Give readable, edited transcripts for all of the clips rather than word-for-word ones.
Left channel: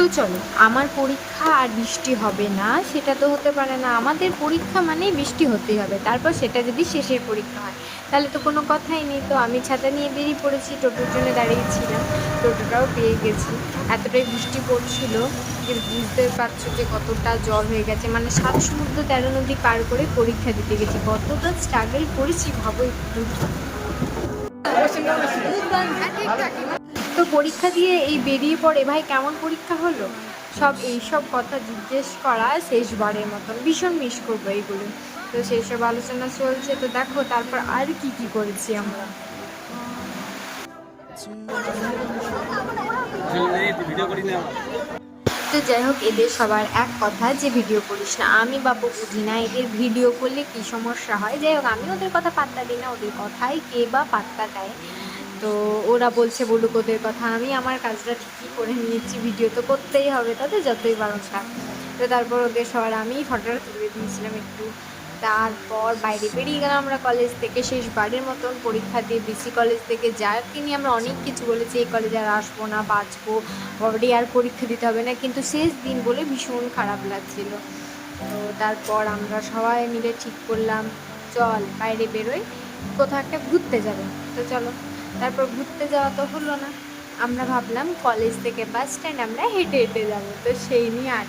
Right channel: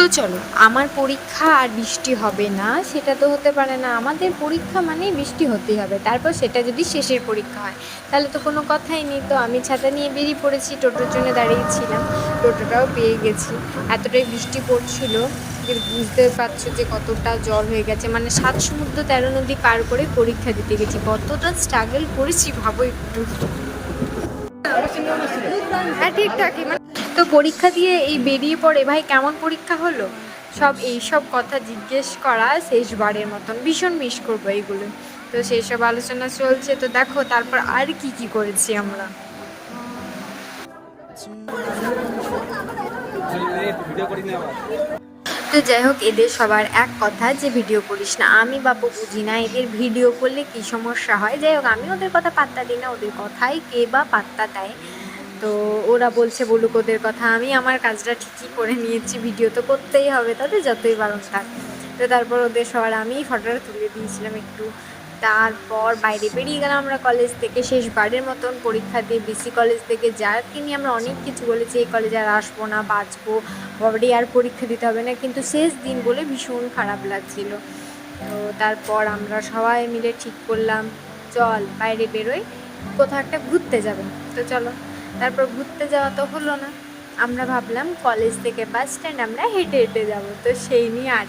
তো চলো, আমার পরীক্ষা আর বৃষ্টি হবে না সেটা তো হতে পারে না। আমাদের পরীক্ষা মানেই বৃষ্টি হতেই হবে, তারপর সেটা যদি শেষের পরীক্ষা হয় তাহলে তো কোনো কথাই নেই। তো আমি ছাতা নিয়ে বেরিয়ে পড়েছি, টোটোর জন্য দাঁড়িয়েছিলাম, টোটোটাও পেয়ে গেছি। এতটাই বৃষ্টি পড়ছিল যে বুঝতে পারছো যে কতটা জল হয়ে গেছে, মানে 7 সমুদ্র 13 নদী পার করে পরীক্ষা দিতে গেছি, কতটা স্ট্রাগল করেছি ভাবোই। হ্যাঁ, ঠিকঠাক। তো পরীক্ষা দিয়ে এই বেরিয়ে পড়ে ভাই কেমন পরীক্ষা হলো এইসব কথা জিজ্ঞেস করা শেষবারের মতন, ভীষণ মিস করবো এইগুলো। তো সেই সব আলোচনা চলছে, তো দেখো তারপর আর কি কি করেছি আমরা। তো যাই হোক, এদের সবার এক কথা যে ভিডিও করিস না। আমি বাপু বুঝি না এদের ভিডিও করলে কি সমস্যা হয়। যাই হোক, আমি ওদের কথা পাত্তা দিই না, ওদের কথাই কে বা পাত্তা দেয়। তো ওরা বলছে বলুক ওদের কথা, আমি আমার কাজটা ঠিকই করে নিয়েছি, ভিডিও তো করতেই হবে তাদের যতই বারণ থাক। তো তারপর ওদের সবার আমি ফটোটা তুলে দিয়েছিলাম একটু। তারপর বাইরে বেরিয়ে গেলাম আমরা কলেজ থেকে, শেষবারের মতন পরীক্ষা দিয়ে বিসি কলেজ থেকে, যাকে নিয়ে আমরা অনেক কিছু বলেছি এই কলেজে আর আসবো না, বাঁচবো, অলরেডি আর পরীক্ষা দিতে হবে না, কিন্তু শেষ দিন বলে ভীষণ খারাপ লাগছিল। তো তারপর আমরা সবাই মিলে ঠিক করলাম চল বাইরে বেরোই, কোথাও একটা ঘুরতে যাবো। তো চলো, তারপর ঘুরতে যাওয়া তো হলো না, আমরা ভাবলাম কলেজ থেকে বাস স্ট্যান্ড আমরা হেঁটে হেঁটে যাবো। তো সেই নিয়ে আর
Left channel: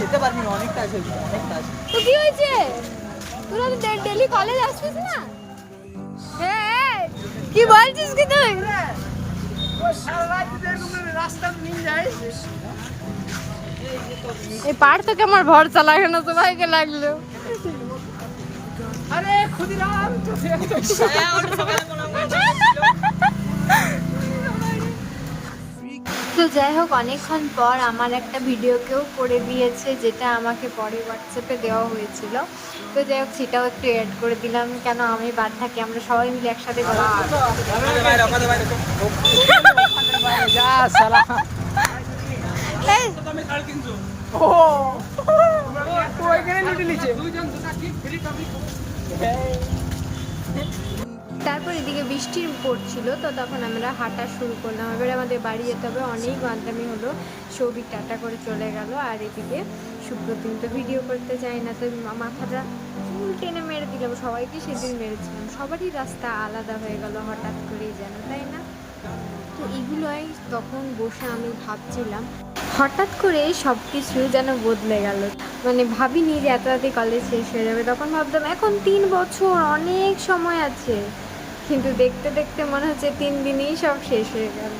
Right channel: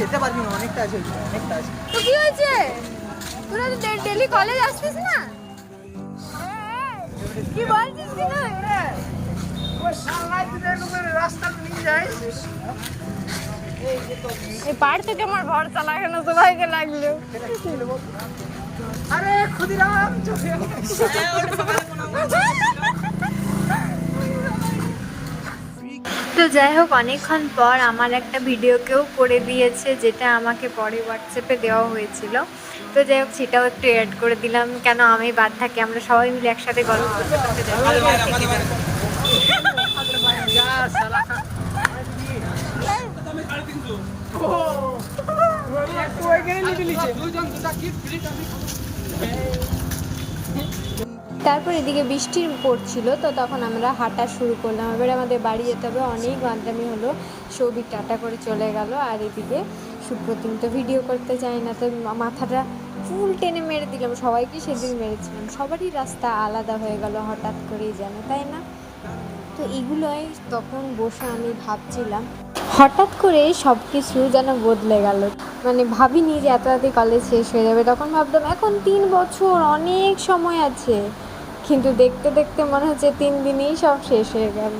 যেতে পারবি না, অনেক কাজ হয়েছে, অনেক কাজ। তো কি হয়েছে, তোরা তো ডেলি কলেজ আসছিস না? কি বলছিস কি তুই? এই পার থেকে আমার ভরসা লাগে না, সবাইকে লাগলো। আরে ক্ষুদিরাম তো যাই হোক, অনেকক্ষণ পর আমার একটা ভিডিও কেউ করে দিয়েছে, যেটা আমাকে পরে হোয়াটসঅ্যাপে দেওয়া হয়েছিল। তো যাই হোক, সেটাও একটু অ্যাড করে দিলাম, কেন আমি বাদ থাকি, আমরা সবাই মিলে একসাথে গল্প যা সালা। ও ওইখানে লুটে নিছে। তারপর এদিকে বৃষ্টি পড়ছিল, তো তখন আমরা হাঁটা শুরু করলাম। এবারে আমাদের বাড়ি যেতে হবে, অনেক গান্দামি হলো। সৌভিক টাটা করে চলে গেল, আর এদিকে সুপ্রতিম তো ভিডিও করতে চায় না, তো মাথাটা ফুল টেনে মেরে দিলাম, সবাইকে সেদিন মেরেছিলাম। সবারই রাস্তা আলাদা হয়ে গেল হঠাৎ করেই যেন, তাই না? তো এগুলোই তখন বসে আমি ভাবছিলাম, হঠাৎ করে সব কিছু যেন বদলে গেল। মানে ভাবিনি যে এত রাতে কলেজ শেষ হয়ে যাবে, তখন ভাবতাম এখন 3 বছর অনেক সময় আছে, কিন্তু দেখতে দেখতে মনে হচ্ছে 3 দিনেই সব শেষ হয়ে গেল।